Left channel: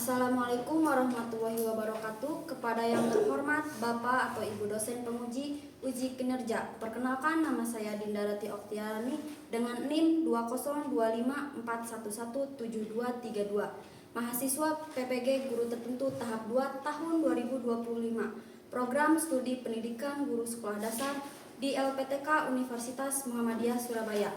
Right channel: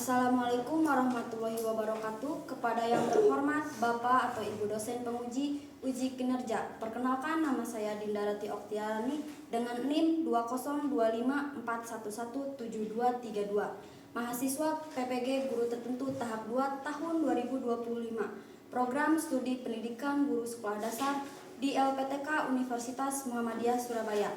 Assalamualaikum warahmatullahi wabarakatuh. Kepada yang terhormat Bapak atau Ibu dosen penguji uji kinerja, perkenalkan nama saya Dinda Rati Oktiarani dengan NIM 20254117232, mahasiswa PPG Guru Tertentu tahap 2 tahun 2025, program studi pendidikan guru sekolah dasar di LPTK Universitas Muhammadiyah Surabaya.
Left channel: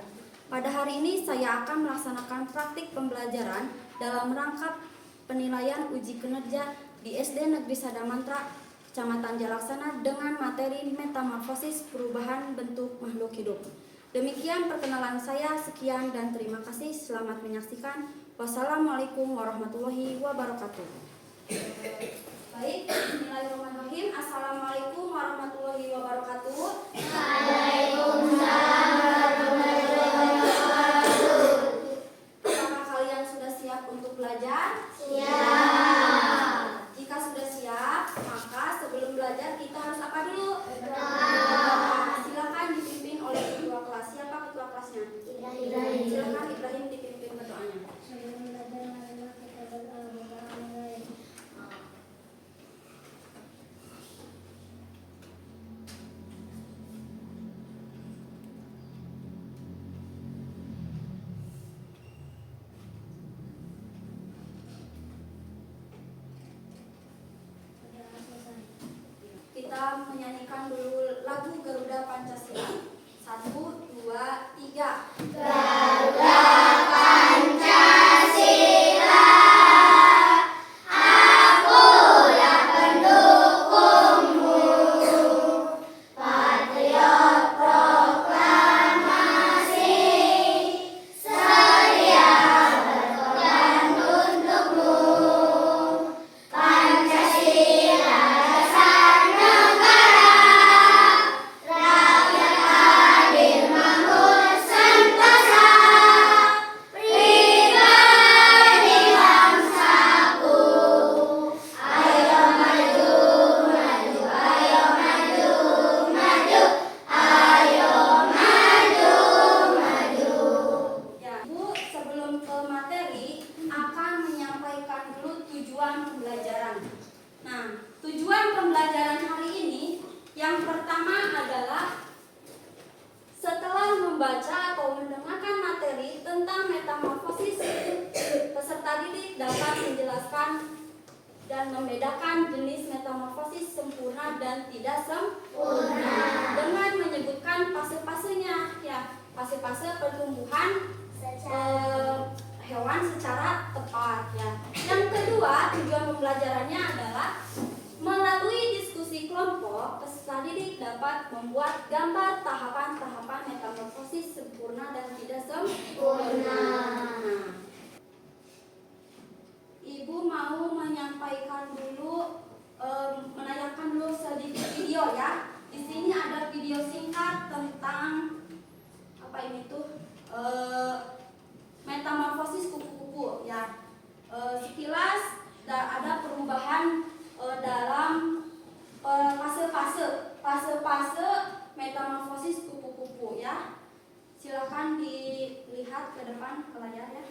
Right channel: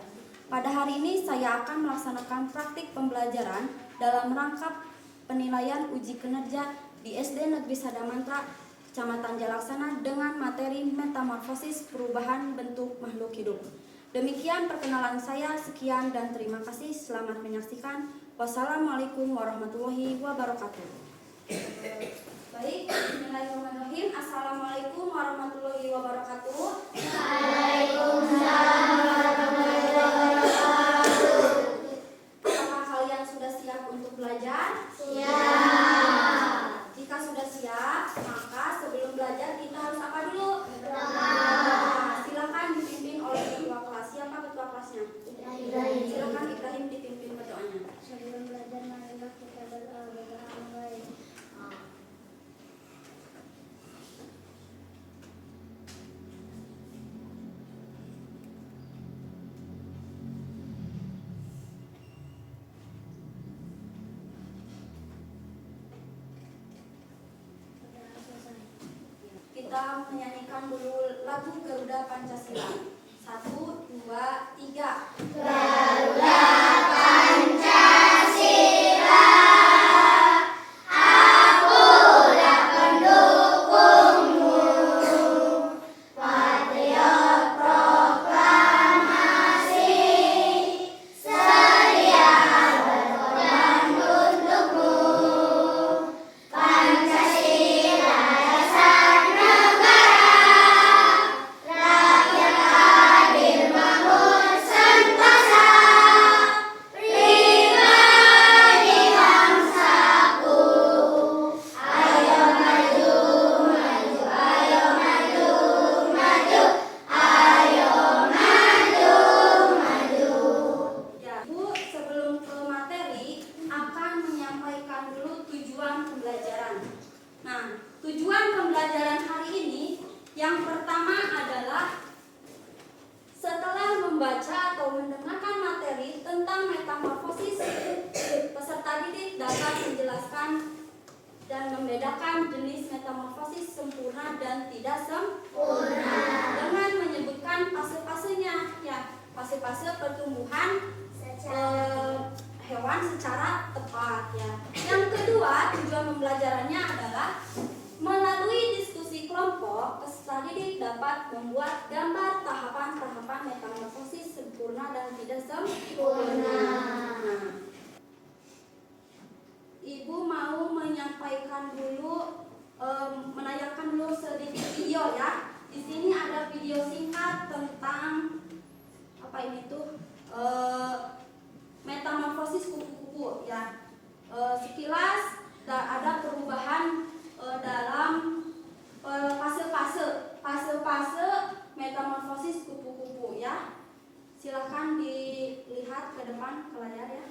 Pada hari ini saya akan melaksanakan praktik pembelajaran dalam rangka penilaian uji kinerja di SD Negeri Sadamantra, Kecamatan Jalaksana dengan materi metamorfosis perubahan bentuk makhluk hidup. Demikian perkenalan saya, sekian dan terima kasih. Selamat menyaksikan. Wassalamualaikum warahmatullahi wabarakatuh. Baik, bismillahirrahmanirrahim. Assalamualaikum warahmatullahi wabarakatuh. Waalaikumsalam warahmatullahi wabarakatuh. Apakah kalian sudah siap untuk belajar? Siap. Jika sudah siap, maka sebelum belajar kita harus apa dulu? Silakan dipimpin oleh ketua kelas. Siapa ketua kelasnya? Ibrahim. Silakan Ibrahim dipimpin berdoanya. Sebelum belajar marilah kita berdoa. Kita menyanyikan dulu lagu Garuda Pancasila. 1, 2, 3. Garuda Pancasila, akulah pendukungmu, patriot proklamasi, sedia berkorban untukmu. Pancasila dasar negara, rakyat adil makmur sentosa, pribadi bangsaku. Ayo maju, maju, ayo maju, maju, ayo maju, maju. Ya, Bu, sebelum ke materi akan menyampaikan dulu tujuan pembelajaran. Nah, tujuan pembelajaran hari ini yang pertama adalah setelah membaca atau mendengarkan materi tentang metamorfosis, peserta didik dapat menjelaskan dan membedakan jenis metamorfosis sempurna dan tidak sempurna dengan menyebutkan fase-fasenya, ya, fase-fase pertumbuhan hewan secara tepat, ya. Yang kedua, tujuan pembelajarannya adalah melalui diskusi kelompok, peserta didik dapat membuat gambar tahapan-tahapan metamorfosis sempurna dan tidak sempurna. Nah, Ibu mau menyampaikan dulu, menayangkan dulu sedikit video, ya. Di sini ada video singkat tentang apa ini tuh? Metamorfosis kupu-kupu, ya. Sekilas ada perubahan dalam fase-fase metamorfosis kupu-kupu, ya. Silakan dilihat ke depan ke layar, ya.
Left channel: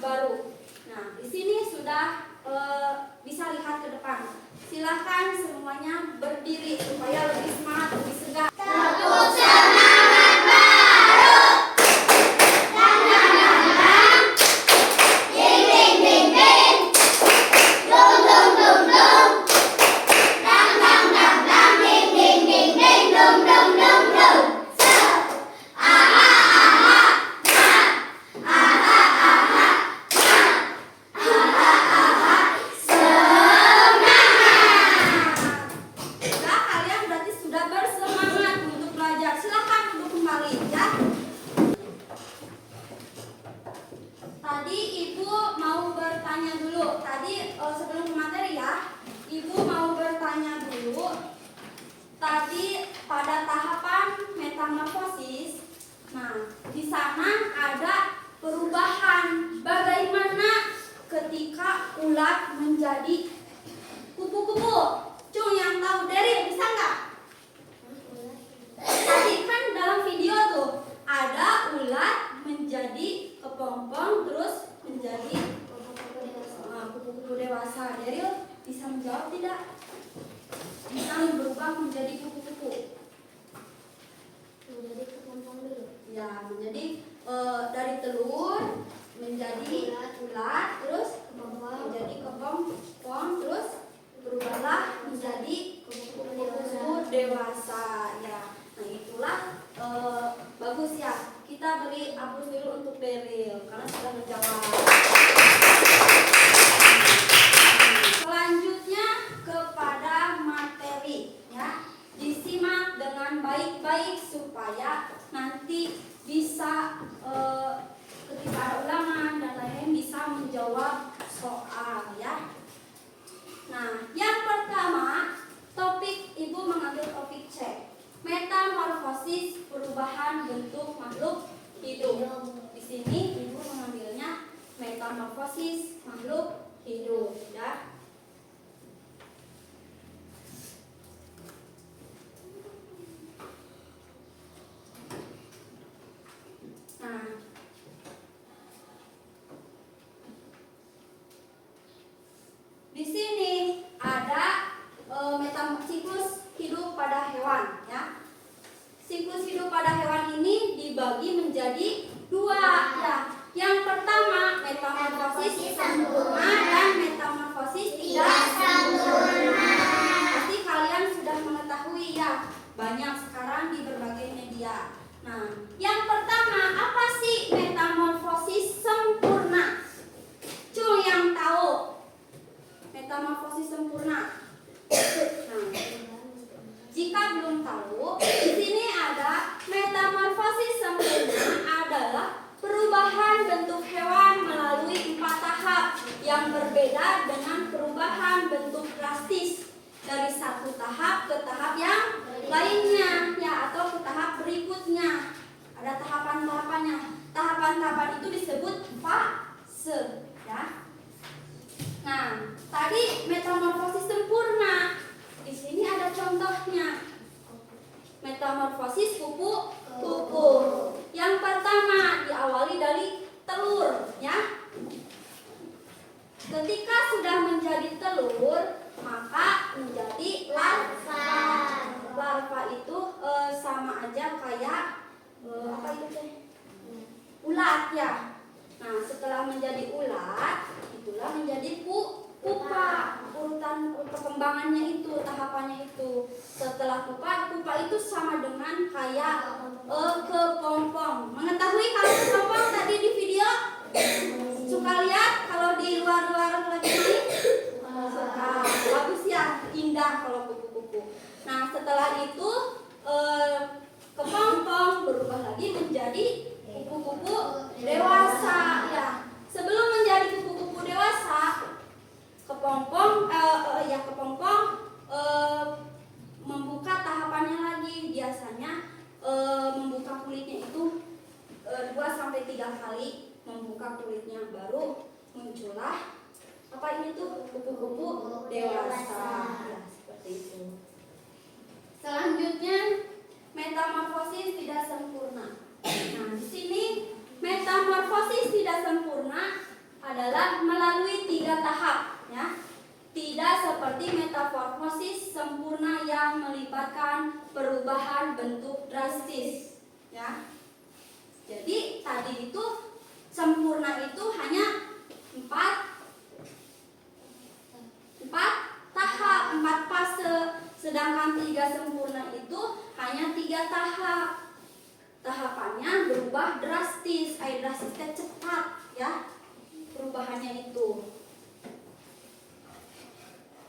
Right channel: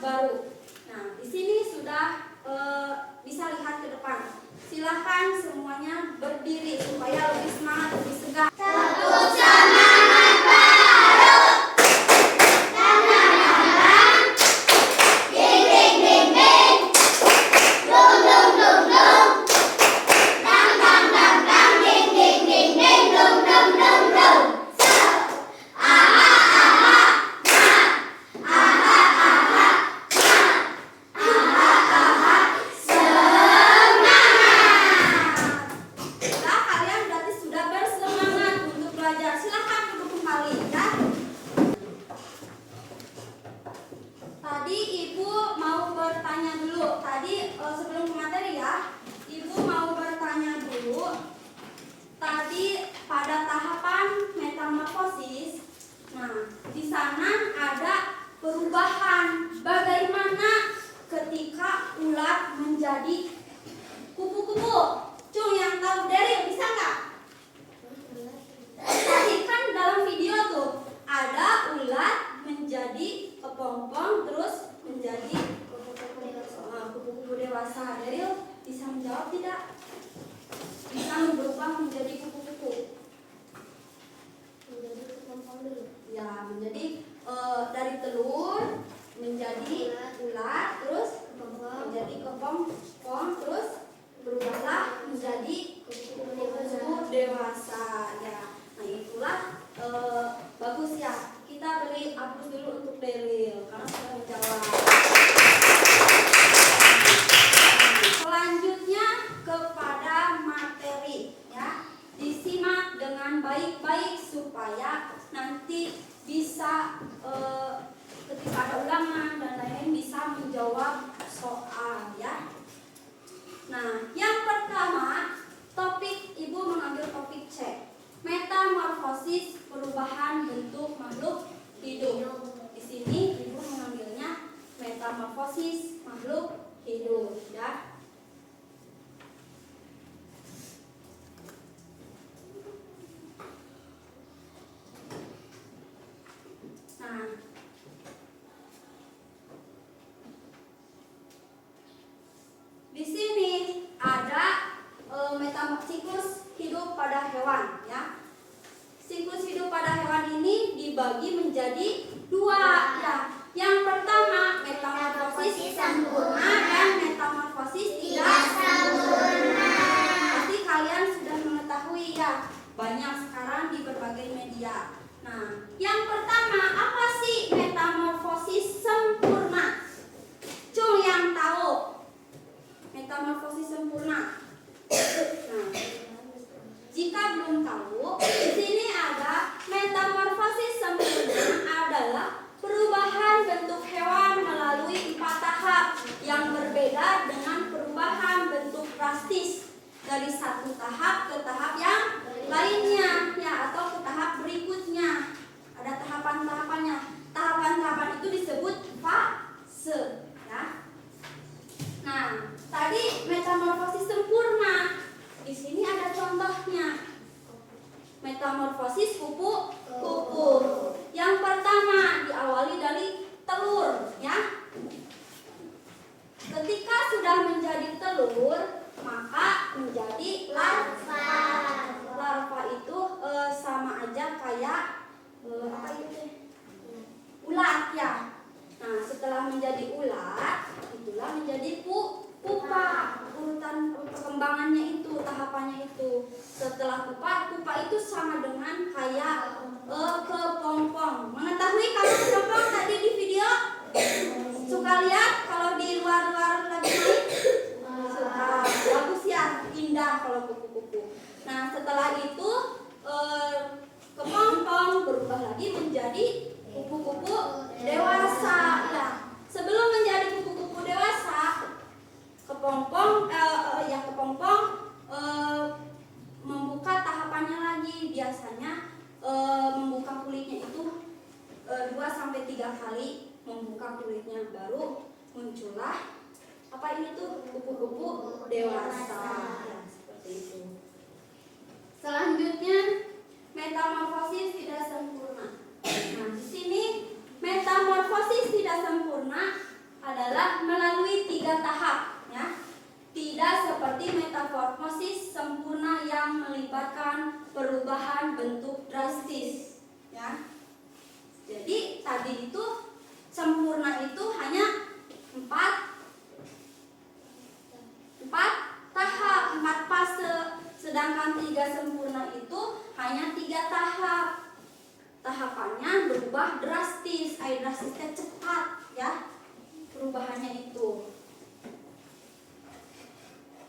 baru. Nah, di sini sudah bisa lihat ke depan. Silakan semuanya berdiri supaya lebih semangat, lebih segar. Untuk semangat baru. Dang dang dang dang. Ding ding ding ding. Dum dum dum dum. Dang dang dang dang. Ding ding ding ding. Dum dum dum dum. Aha aha. Nah. Aha aha. Nah, kalian berarti sudah bersemangat untuk belajar. Silakan duduk kembali ya. Tadi Ibu mau bertanya dulu. Tadi sebelum ke materi ya, Ibu mau bertanya dulu. Tadi pada tahapan metamorfosis, nah di sana ada perubahan. Bagaimana ketika ulat menjadi kupu-kupu? Cung yang tahu dari bisa nggak? Tadi kan dalam video tuh ada ulat menjadi kepompong terus menjadi kupu-kupu dewasa. Daryl bisa menjawab tidak? Bisa berubah menjadi kupu-kupu. Menjadi kepompong dulu. Ya, menjadi dari telur menjadi ulat terus menjadi kepompong terus berubahlah menjadi kupu-kupu dewasa ya. Nah itulah bagus ya. Kita beri aplaus dulu untuk Daryl karena sudah menjawab. Selanjutnya kepada materi ya. Disimak dengan baik-baik supaya nanti bisa ketika ada ulangan dan lain-lain bisa menjawab soal ya. Nah, yang pertama topik Ibu mengambil topik C. Metamorfosis, perubahan bentuk makhluk hidup. Di sini Ibu mengambilnya metamorfosis makhluk hidup ya. Nah, di sini ada siklus hidup pada hewan ya. Siklus hidup pada hewan ini dibagi menjadi dua ya. Yang pertama metamorfosis sempurna dan metamorfosis tidak sempurna. Pasti kalian sudah mengetahui ya. Banyak sekarang di berbagai media. Nah, yang pertama apa sih metamorfosis sempurna? Cung yang tahu metamorfosis sempurna. Nah, jika belum tahu, di sini ada metamorfosis sempurna adalah perubahan bentuk hewan melalui 4 tahap yang berbeda dengan perubahan bentuk drastis dari satu tahap ke tahap yang lainnya ya atau ke tahap berikutnya. Ada tahapan-tahapannya. Tahapan-tahapan itu disebut fase ya. Nah, tadi metamorfosis sempurna. Di sini ada contohnya. Metamorfosis kupu-kupu. Yang pertama diawali dari telur, ya. Ketika sudah menjadi telur, maka menjadi larva. Larva itu sama aja kayak apa itu teh? Ulat ya. Nah, setelah menjadi ulat, itulah menjadi pupa. Urutan perkembangannya itu, tahapannya itu. Setelah pupa itu sama dengan kayak kepompong. Mengetahui kalau kepompong tadi di video? Suka lihat kalau di luar-luar lagi main? Suka. Bagus ya, indah kalau kupu-kupu. Nah, setelah itu kepompong berubah lagi menjadi kupu-kupu dewasa ya. Sebelum menjadi kupu-kupu dewasa, kepompong membuka tahapannya lagi. Biasanya membuka kulitnya itu 2-3 kali membuka kulitnya, baru muncullah apa ini tuh kupu-kupu dewasa ya, seperti itu. Selanjutnya metamorfosis tidak sempurna. Nah, di sini metamorfosis tidak sempurna adalah melalui 3 tahap, ya. Tidak seperti metamorfosis sempurna yang melibatkan perubahan bentuk drastis, ya. Jadi tadi itu sempurna itu hanya 4 tahap, 4 fase, sedangkan 3 sempurna itu hanya 3 tahap. Tahapannya berubah drastis, drastisnya cepat, ya, perubahannya itu.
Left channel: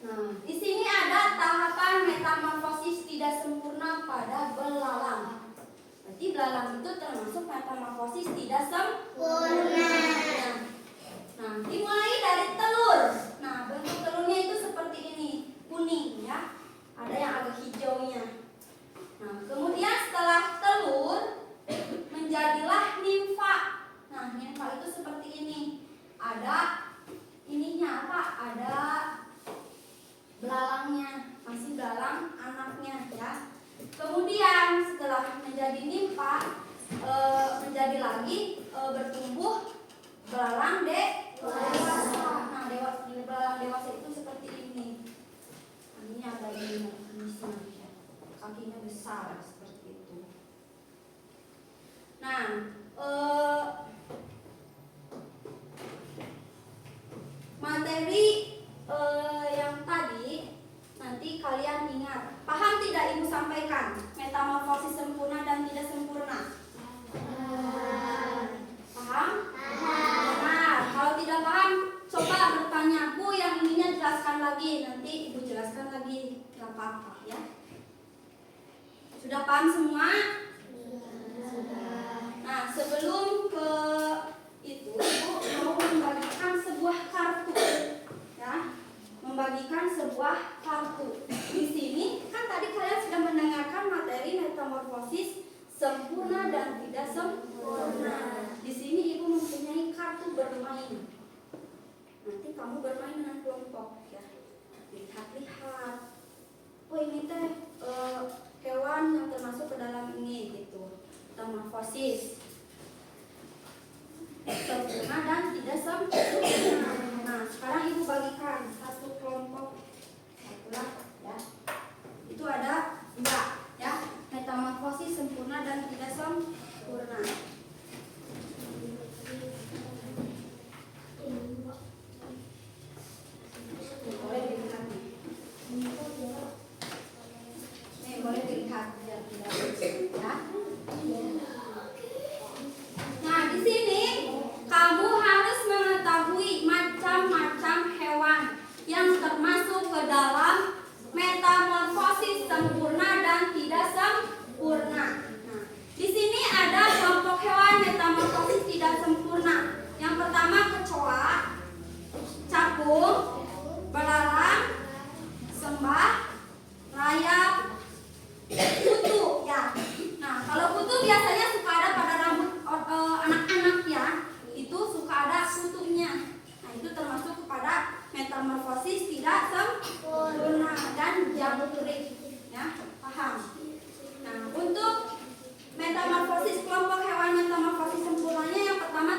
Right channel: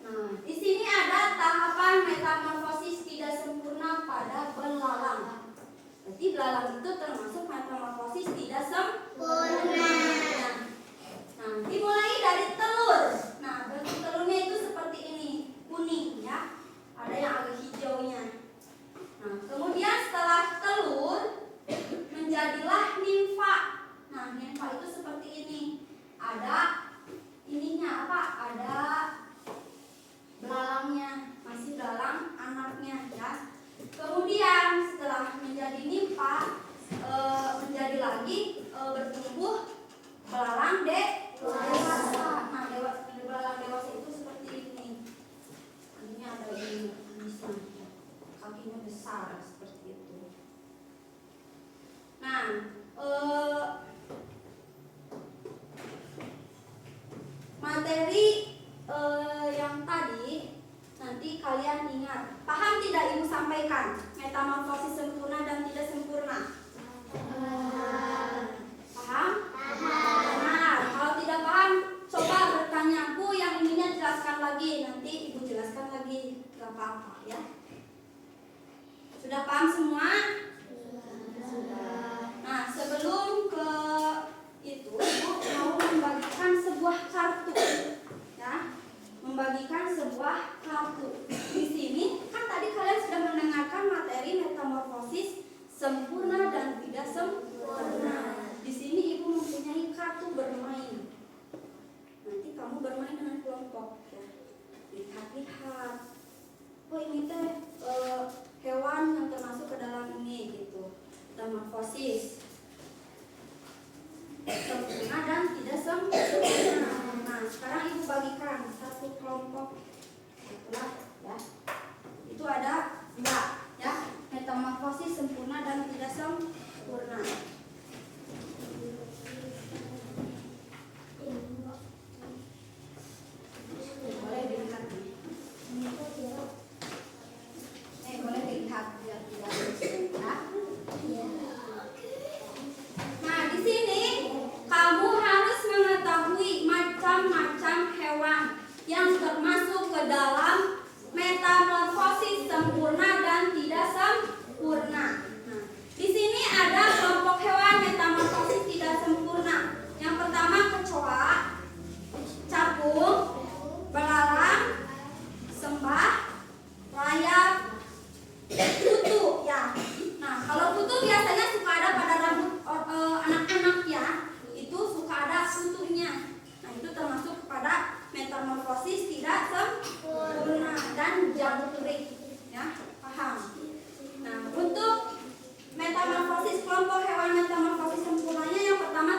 Nah, di sini ada tahapan metamorfosis tidak sempurna pada belalang. Berarti belalang itu termasuk metamorfosis tidak sempurna. Nah, dimulai dari telur. Nah, bentuk telurnya itu seperti ini, kuning, ya. Ada yang agak hijaunya. Nah, kemudian setelah telur menjadilah nimfa. Nah, nimfa itu seperti ini. Ada ininya apa? Ada belalangnya, masih belalang anaknya, ya. Kemudian setelah menjadi nimfa, menjadi lagi bertumbuh belalang dewasa. Nah, belalang dewasa itu seperti ini. Ini ada di manisnya, kakinya besar seperti itu. Nah, materi yang tadi nanti kalian ingat. Paham tidak Ibu sampaikan? Metamorfosis sempurna dan tidak sempurna. Paham? Nah, kalau tidak paham, coba bertanya, Bu, yang ininya jelaskan lagi. Nanti Ibu jelaskan lagi, gak apa-apa, ya. Sudah paham semua? Nah, sebelum ke itu, Ibu mau membagikan sebuah kartu, ya. Membagikan sebuah kartu. Di sini kan tadi kalian sudah mendengarkan materi metamorfosis sempurna dan tidak sempurna. Di sini Ibu mempunyai kartu bermain. Nanti kamu bermain dengan kelompok, ya. Lihat-lihat. Oh, ini teh hewan yang termasuk ke dalam ini, gitu. Metamorfosis sempurna dan tidak sempurna. Nah, sekarang Ibu bagikan satu kelompok. Itulah, ya. Itu ada 2, ya. Metamorfosis sempurna dan tidak sempurna. Boleh dilihat nih. Boleh dilihat ya. Nah, di sini kamu harus mengetahui macam-macam hewan yang termasuk ke dalam metamorfosis sempurna dan tidak sempurna. Nah, di sini ada kelompok hewan metamorfosis tidak sempurna. Yang pertama kecoa, capung, belalang, sembah, rayap, kutu, ya. Nah, kalau kutu biasanya suka ada pada rambut anak-anak, ya. Itu suka ada kutunya. Nah, itu termasuk kepada metamorfosis tidak sempurna dan jamburik, ya. Paham? Nah, untuk metamorfosis kelompok hewan metamorfosis sempurnanya yang pertama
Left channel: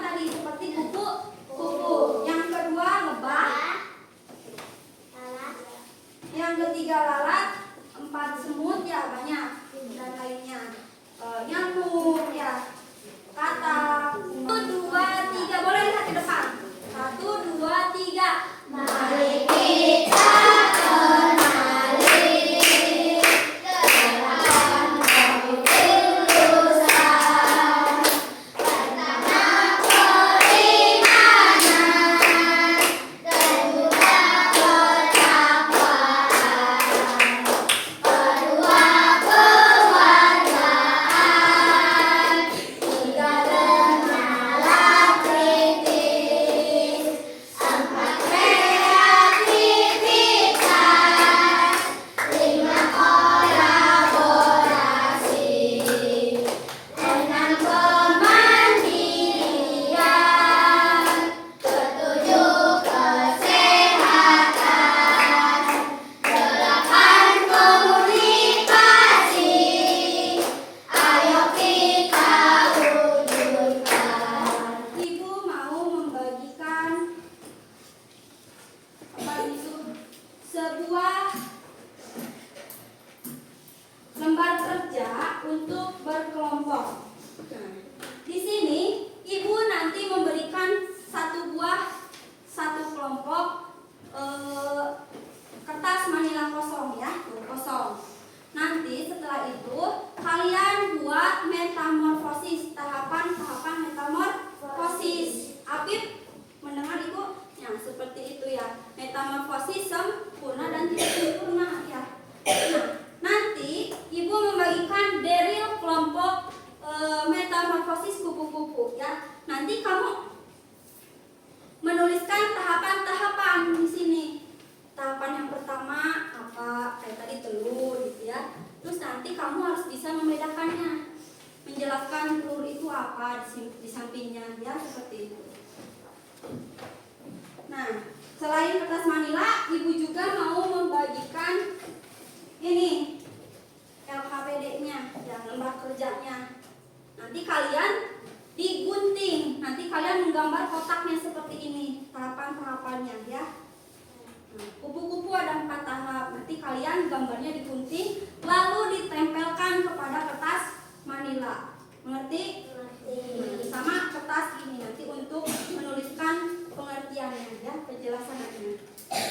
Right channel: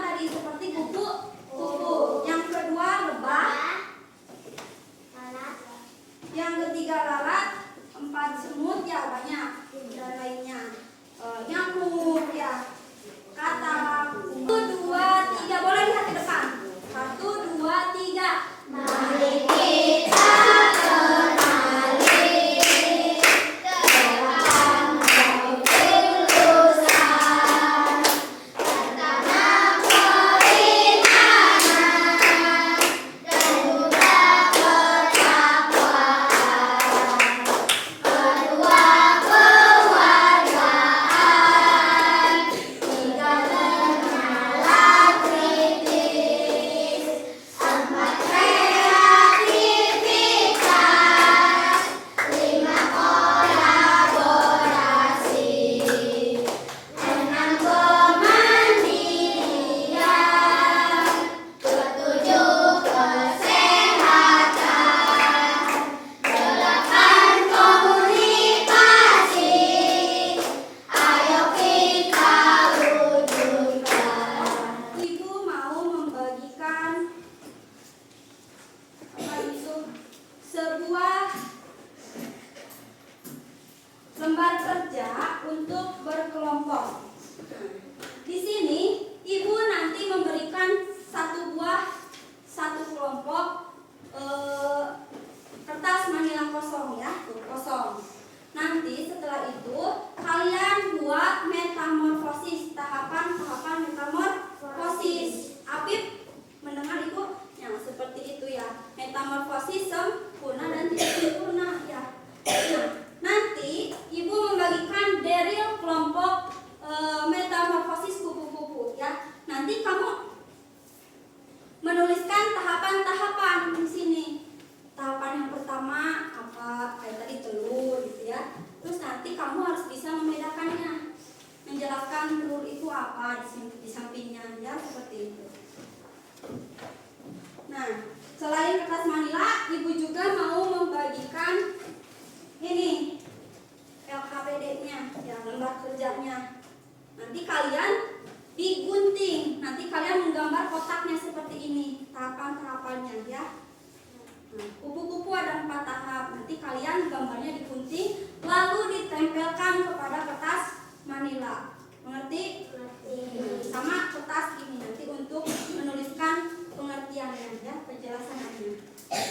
nanti kamu menuliskan tahapan-tahapan di sini. Tahapan yang pertama apa? Kayak tadi telur gitu ya. Terus nanti kamu harus bisa membedakannya, menjelaskan telur itu apa di sampingnya ya, seperti itu. Nah, selain kertas manila, ibu juga mau membagikan ini LKPD-nya, yang lembar kerjanya. Nanti kalian digunting, nanti kalian menggambar kotaknya seperti ini, tahapan-tahapannya ya. Nah, kupu-kupu ada 4 tahap, nanti kalian gambarnya digunting, lalu ditempelkan kepada kertas manila. Mengerti? Sama kertas ini nanti untuk menuliskan pengertiannya ya, penjelasannya. Nah,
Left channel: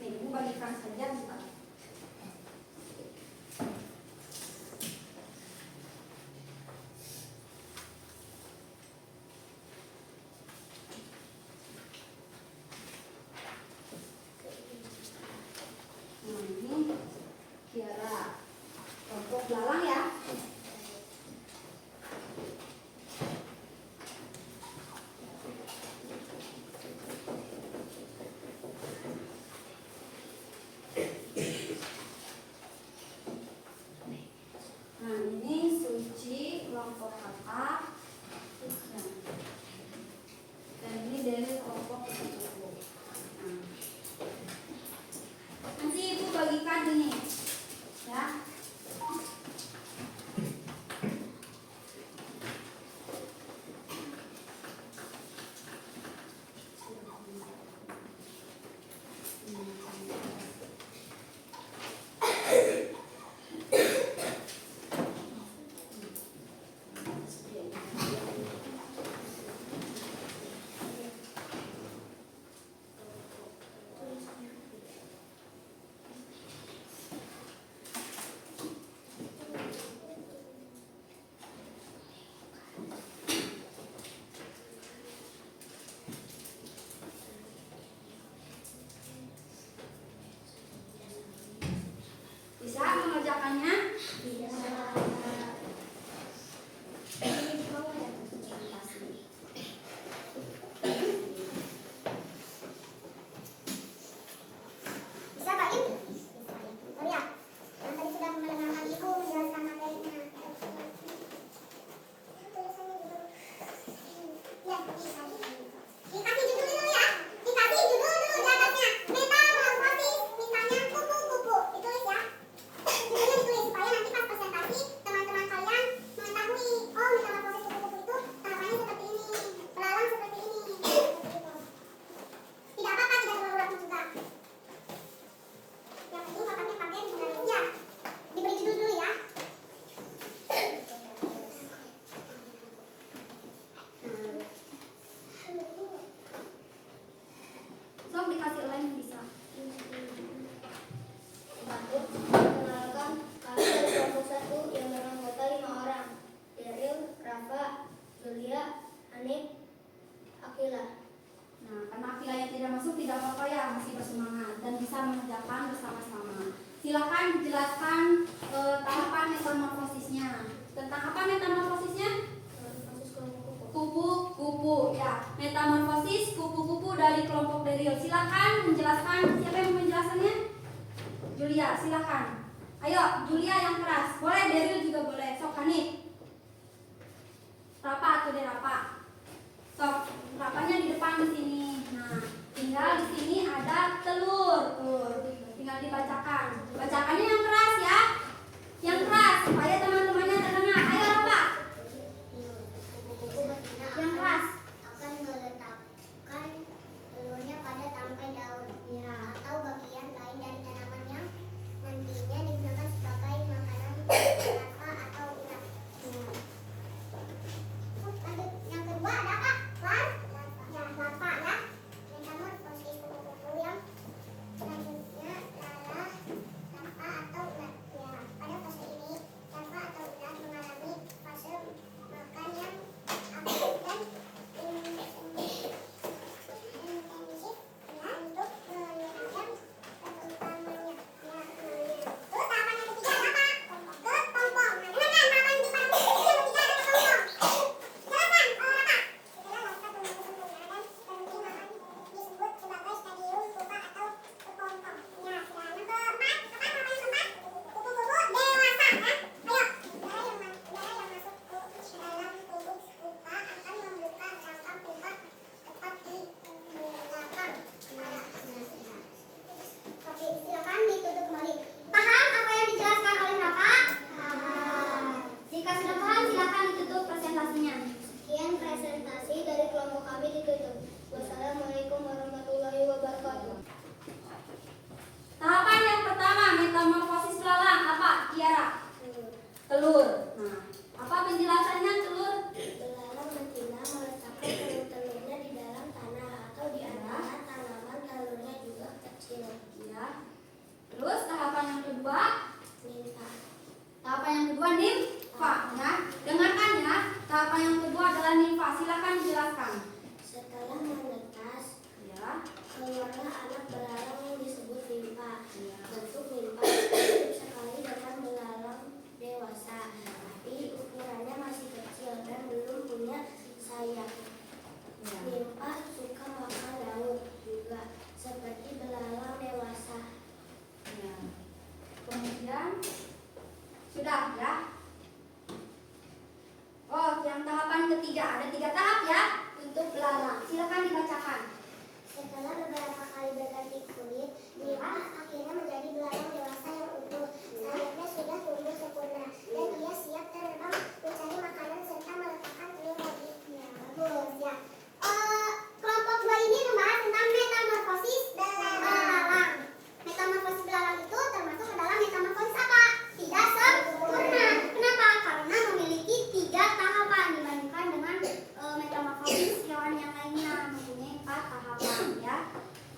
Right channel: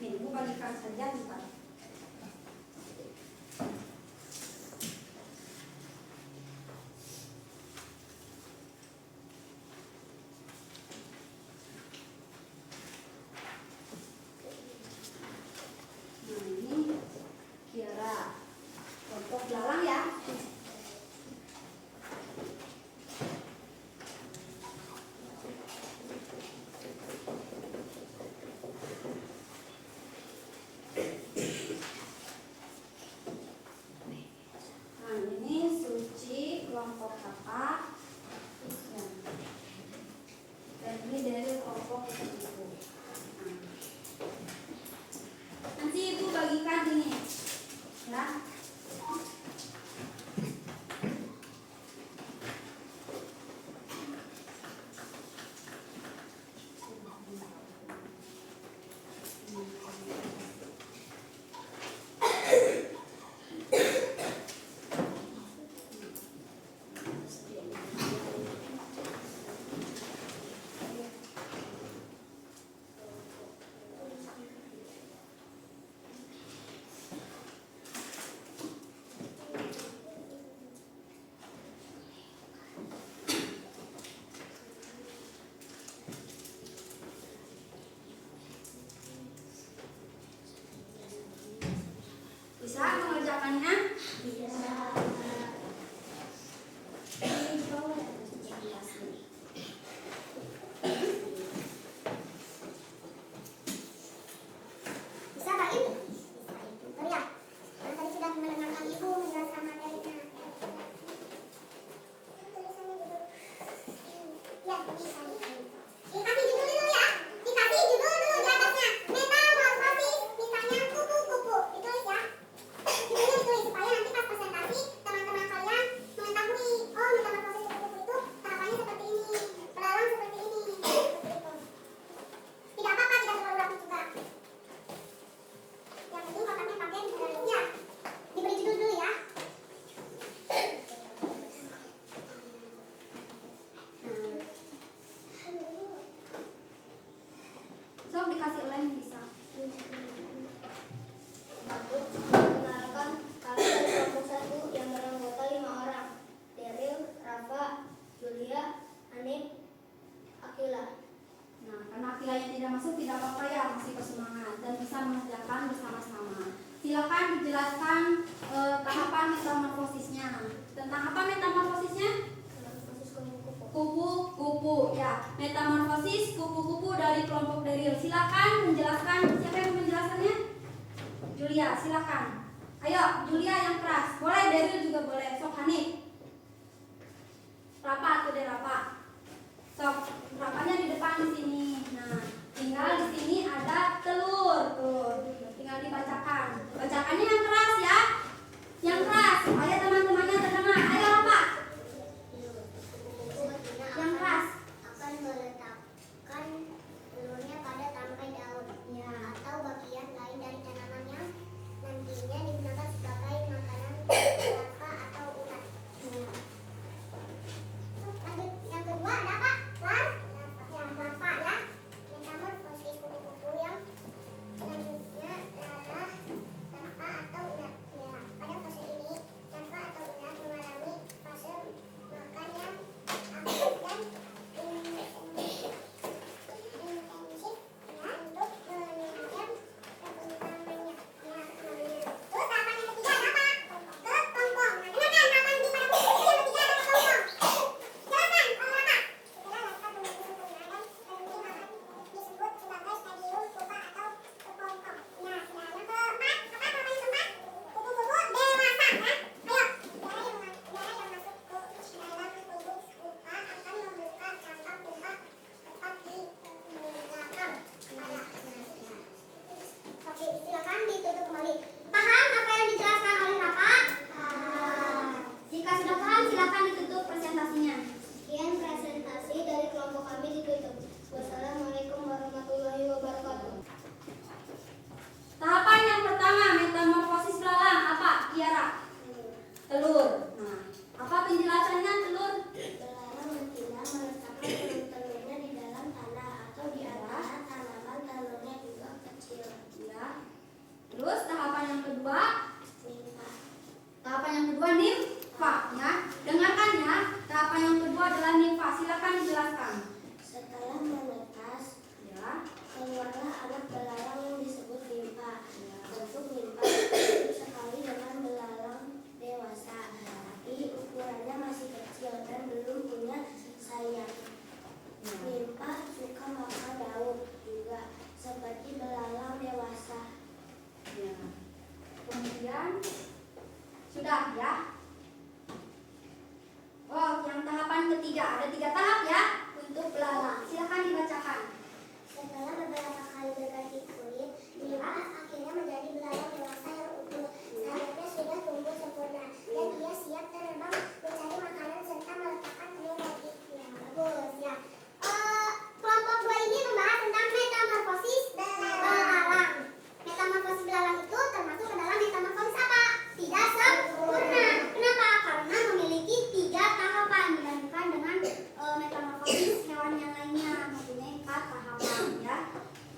nih, ibu bagikan saja bentar. Nah, ini kira kelompok belalang ya. Nah, ini Suci kelompok apa? Dan ini dari kelompok kupu-kupu. Nah, nanti ibu bagikan ini ya. Bisa mengerjakannya? Bisa. Bisa Pak Im? Oh ya, yang tadi sudah mendengarkan Ibu menjelaskan materinya. Tulisannya gitu. Ya, bisa. Dikasih judul dulu ya. Dikasih judul dulu di atasnya. Metamorfosis, misalnya kupu-kupu. Ditulis ya. Judulnya ditulis supaya nanti pas presentasi teman-teman kalian mengetahui, oh metamorfosis kupu-kupu itu tahapannya seperti ini, belalang seperti ini. Seperti itu. Tidak apa-apa, tidak terlalu rapi juga. Yang penting kotaknya pakai ya, diberi judul dulu ya. Sok dikasih lem bisa. Perkenalkan, kami dari kelompok 1 yang beranggota 5 orang. Daryl, Rafa, Julia, Anip, Akila. Nah, karena Akila yang tidak masuk tidak apa-apa ya, masih bersemangat dan bisa mengerjakan bersama-sama. Silakan dijelaskan tahapan metamorfosisnya. Tentang apa metamorfosisnya? Metamorfosis kupu-kupu. Kupu-kupu ya. Metamorfosis kupu-kupu dari kelompok Daryl. Silakan menjelaskan. Siapa yang mau menjelaskannya? Julia, silakan. Ayo, Julia yang keras. Boleh, Daryl juga boleh. Sok Hanif. Rafa atau Rafa. Sok, Rafanya di depan di sini. Nah, tinggal di sini ada telur. Tuh, tinggal dibacakan. Bacakannya yang keras ya. Yang keras supaya teman-temannya terdengar. Ayo Rafa. Kupu-kupu betina Yang keras. akan meletakkan telurnya pada tangkai daun atau bagian lain dari tanaman yang nantinya digunakan sebagai makanan rata atau ulat. Lanjut yang kedua. kelompok kami ditutup. Wassalamualaikum warahmatullahi wabarakatuh. Tahapan yang pertama, metamorfosis belalang. Apa, Tiara? Telur. Nah, apa penjelasannya telur? Belalang betina meletakkan telur-telurnya di dalam tanah atau di antara tanaman. Telurnya juga kecil. Ya. Terus tahapan yang kedua, Nimfa. tahapan yang kedua nimfa. Ya, dengarkan ya. Tahapan yang kedua adalah nimfa. Silakan dijelaskan. Setelah menetas, Ya. keluarlah anak belalang yang disebut nimfa. Ya. Bentuk nimfa mirip sekali dengan belalang dewasa, tapi ukurannya masih kecil dan belum punya sayap. Ya. Nimfa suka makan lauk juga, seperti belalang dewasa. Ya. Kemudian sudah ya. Oh, yang tahapan ketiga ada 3 tahap ya untuk belalang. Silakan dibacakan. Setelah beberapa kali berganti kulit, nimfa akhirnya menjadi belalang dewasa yang utuh. Sayapnya sudah tumbuh sempurna dan ia siap terbang mencari makanan serta meletakkan telur lagi. Ya, bagus ya. Kelompok 2 ini membahas tentang metamorfosis belalang. Metamorfosis belalang itu termasuk ke dalam metamorfosis apa? Tidak sempurna. Kenapa? Karena memiliki 3 tahapan dibandingkan dengan metamorfosis hewan yang lainnya mempunyai 4 tahapan ya.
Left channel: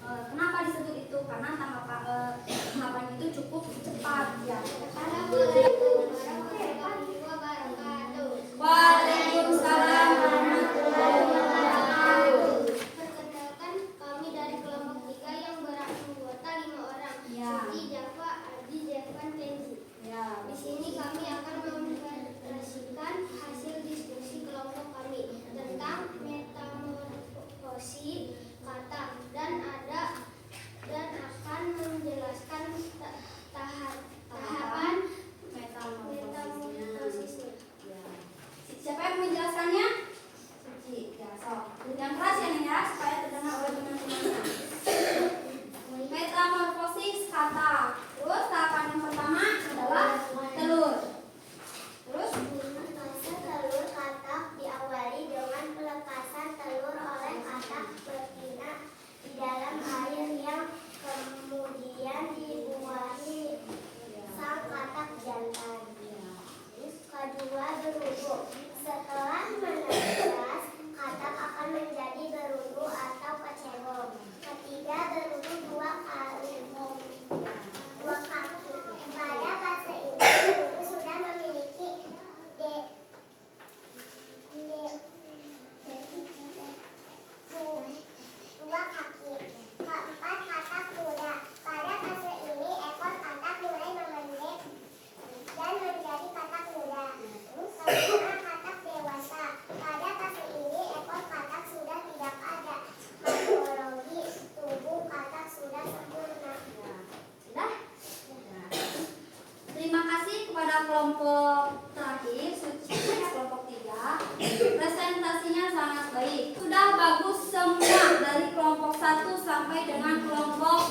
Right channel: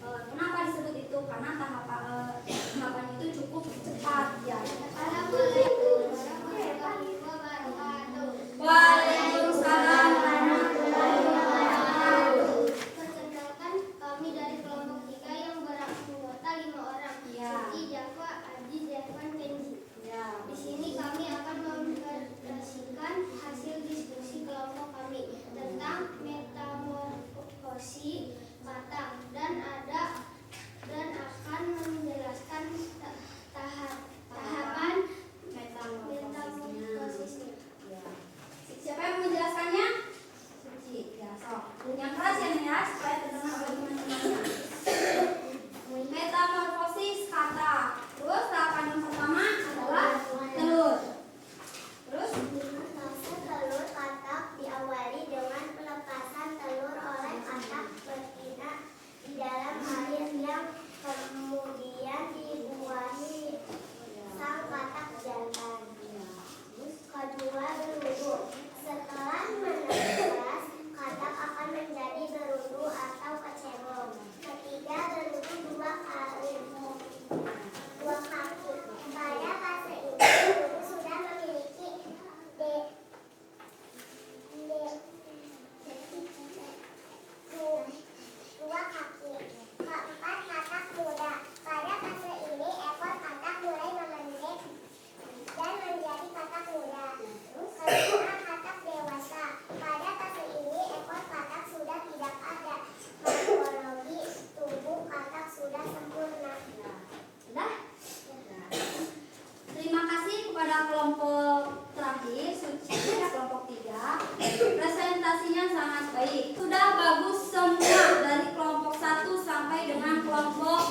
Kenapa disebut itu? Karena tahapan itu cukup cepat ya. Assalamualaikum warahmatullahi wabarakatuh. Waalaikumsalam warahmatullahi wabarakatuh. Perkenalkan, kami dari kelompok 3 yang beranggota 5 orang. Ya. Suci, Java, Adi, Jevan, Kenzi. Ya. Di sini kami akan mempresentasikan hasil diskusi kelompok kami tentang metamorfosi kata dan akan menjelaskan tahapan metamorfosisnya. Ya. Siapa yang menjelaskannya? Suci. Ya, sok. Yang keras ya nih ya supaya terdengar oleh teman-teman. Metamorfosis kata. Terus tahapan yang pertama adalah telur. Terus Pelepasan telur katak diawali dengan pelepasan telur oleh katak betina di dalam air yang kemudian dibuahi sang katak jantan. Kedua, berundu. Setelah menetas, katak akan menjadi berundu atau kecebong. Ketiga, berundu 2 kaki. Pada fase ini, berundu sudah memiliki dua kaki. Keempat, katak muda. Pada fase ini, ekor katak mulai memendek dan menjadi katak muda. Kelima, katak dewasa. Pada fase ini, ekor katak sudah tidak ada. Morfologi tubuh katak sudah sempurna. sudah. Terima kasih kepada kelompok terakhir, Suci ya, kelompok 3. Presentasinya sangat baik. Sudah bagus semua dari kelompok 1 sampai dengan kelompok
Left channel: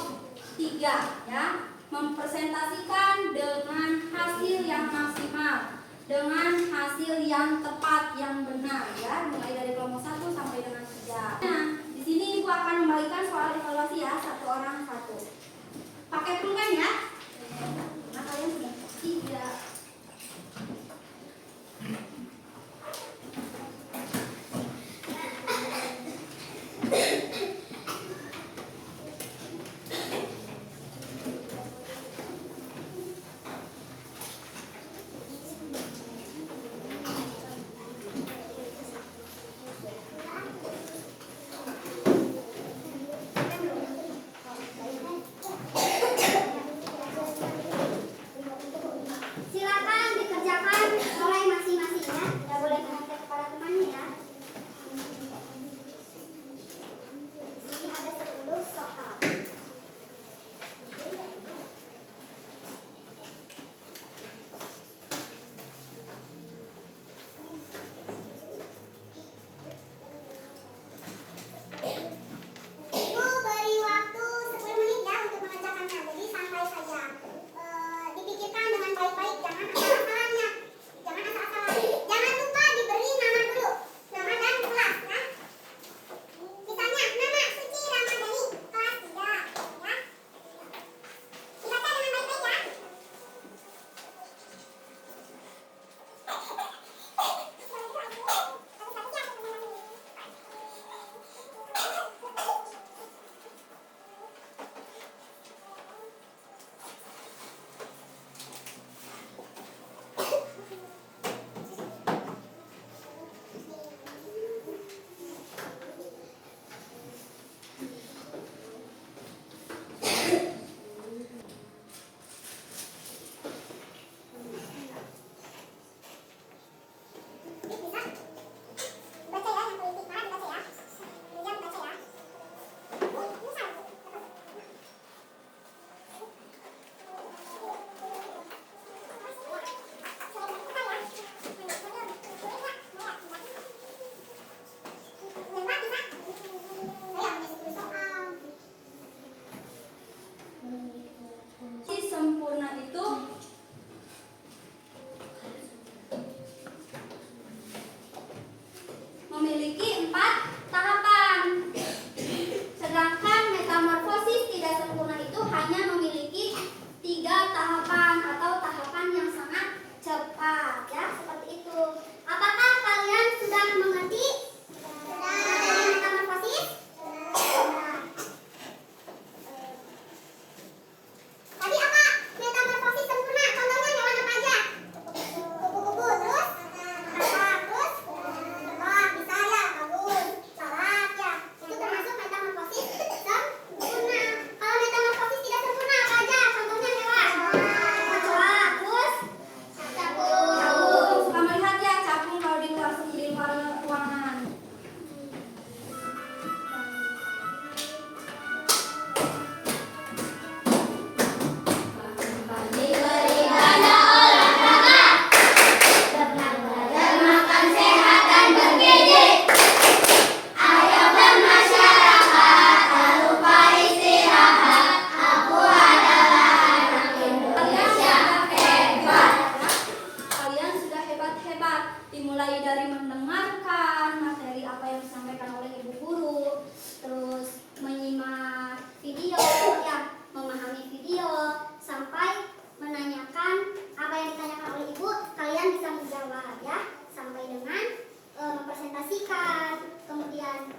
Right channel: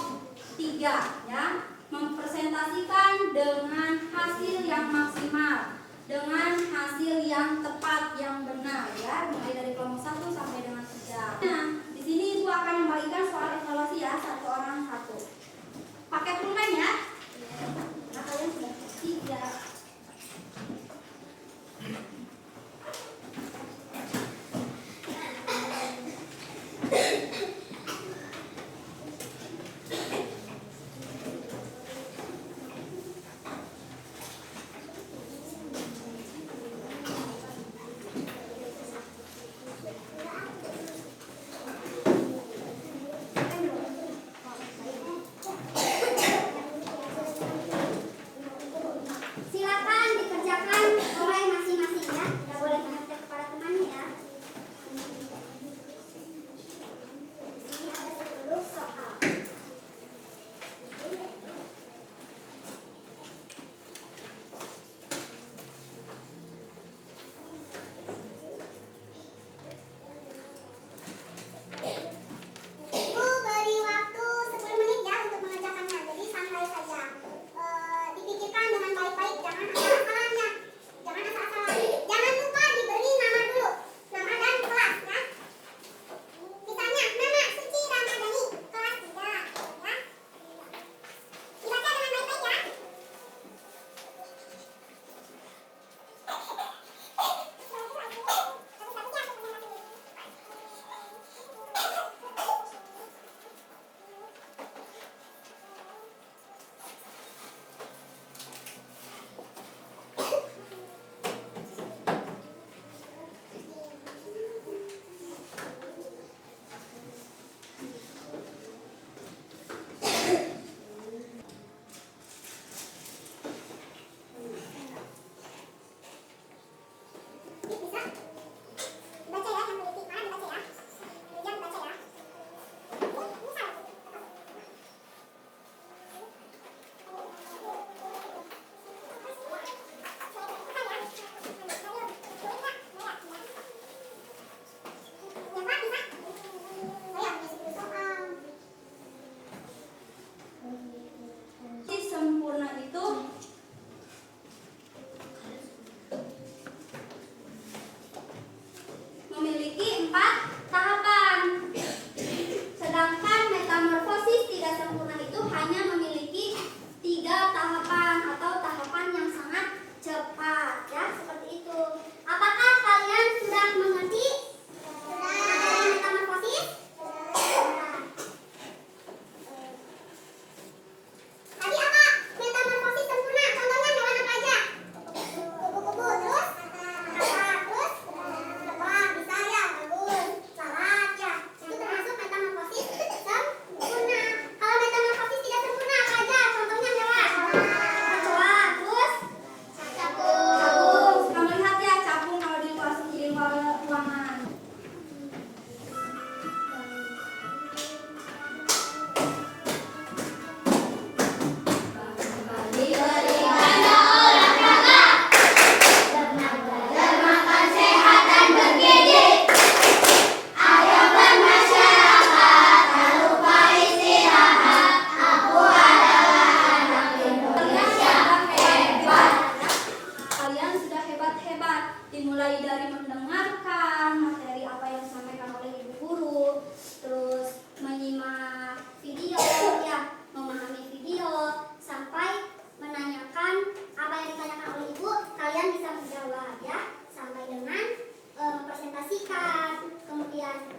3 ya. Mempresentasikan dengan hasil yang maksimal, dengan hasil yang tepat, yang benar ya, mulai dari kelompok 1 sampai dengan 3. Nah, di sini Ibu akan membagikan soal evaluasi ya, 1 orang 1. Pakai pulpen ya. Nah, kalian sudah pasti ya.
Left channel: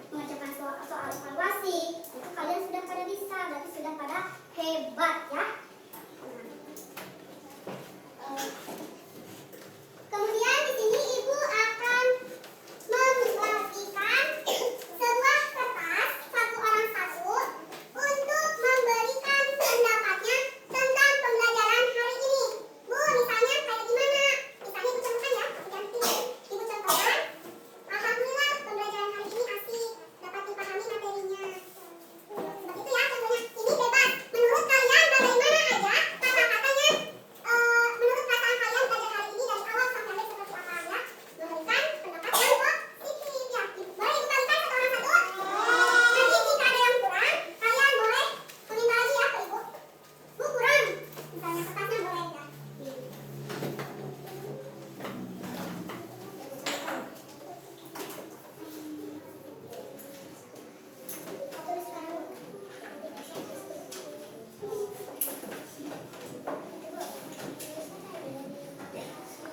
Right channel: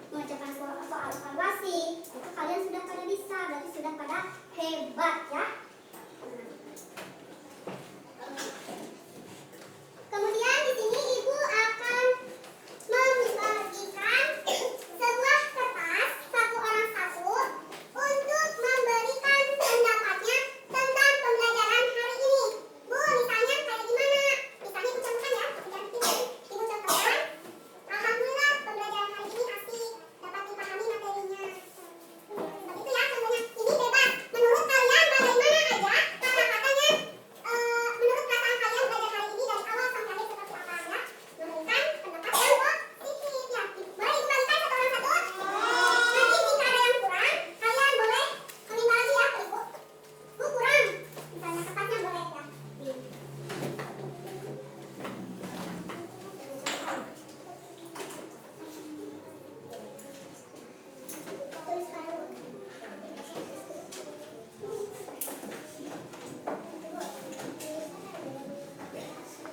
mengerjakan soal evaluasi. Itu kalian sudah pada bisa, berarti sudah pada hebat ya. Kemudian di sini Ibu akan membagikan sebuah kertas satu orang satu untuk memberikan pendapatnya tentang pembelajaran hari ini. Bu, misalnya kayak gimana? Misalnya Ibu contohkan ya, Ibu contohkan. Alhamdulillah pembelajaran hari ini asik, dapat dipahami materinya. Seperti itu ya contohnya. Ini bebas. Menurut kalian bagaimana aja kata-katanya? Menurut perasaan kalian belajar hari ini dari awal sampai akhir seperti apa ya? Memberikan pendapat yang positif ya. Boleh diberikan satu orang satu? Nanti jika ada yang kurang, kalian boleh meminta lagi ya ke Ibu. Bu kurang, misalnya kertasnya boleh ya.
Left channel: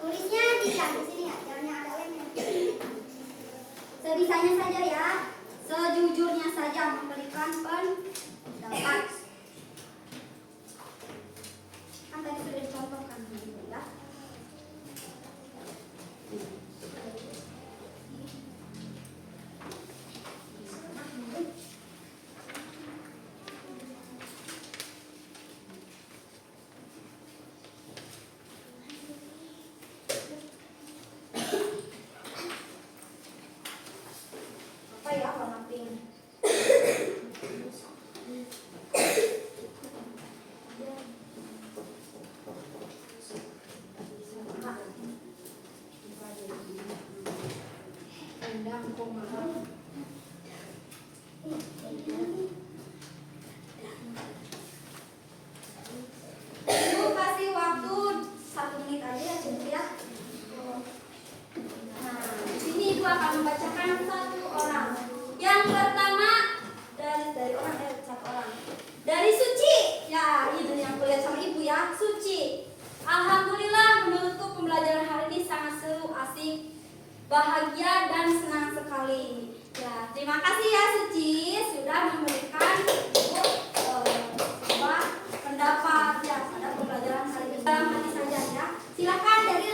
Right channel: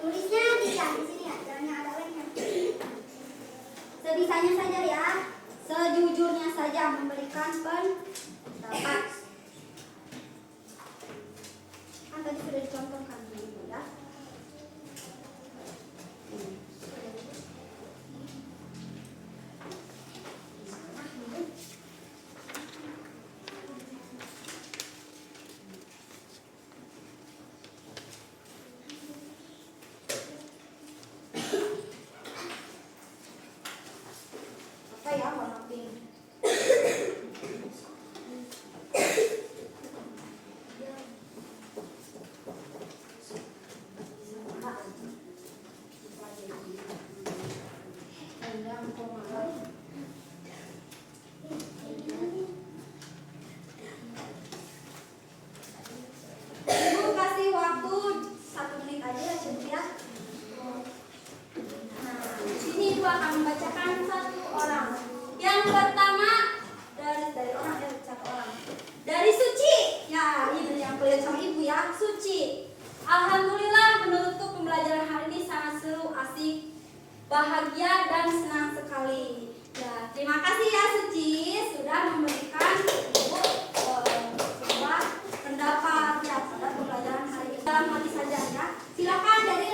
Tulisnya di sini ya, jangan yang ada lemnya. Sebisanya saja ya, sejujurnya saja memberikan pendapat. Kan tadi sudah dicontohkan dulu ya. Apa ya warna pink? Ibu kasih waktu 1 menit aja ya cukup ya. Nah, di sini Ibu akan membacakan satu orang. Yang pertama dari orang satu orang. Dari Suci. Ya, itu yang kulihat sama Ibu ya, Suci. Alhamdulillah menurutku pembelajaran hari ini sangat seru, asik, bahagia dan senang sekali. Ya, terima kasih ya Suci sudah memberikan Ibu sebuah pendapat ya pada pembelajaran hari ini. Dalam hati saja ya. Silakan dari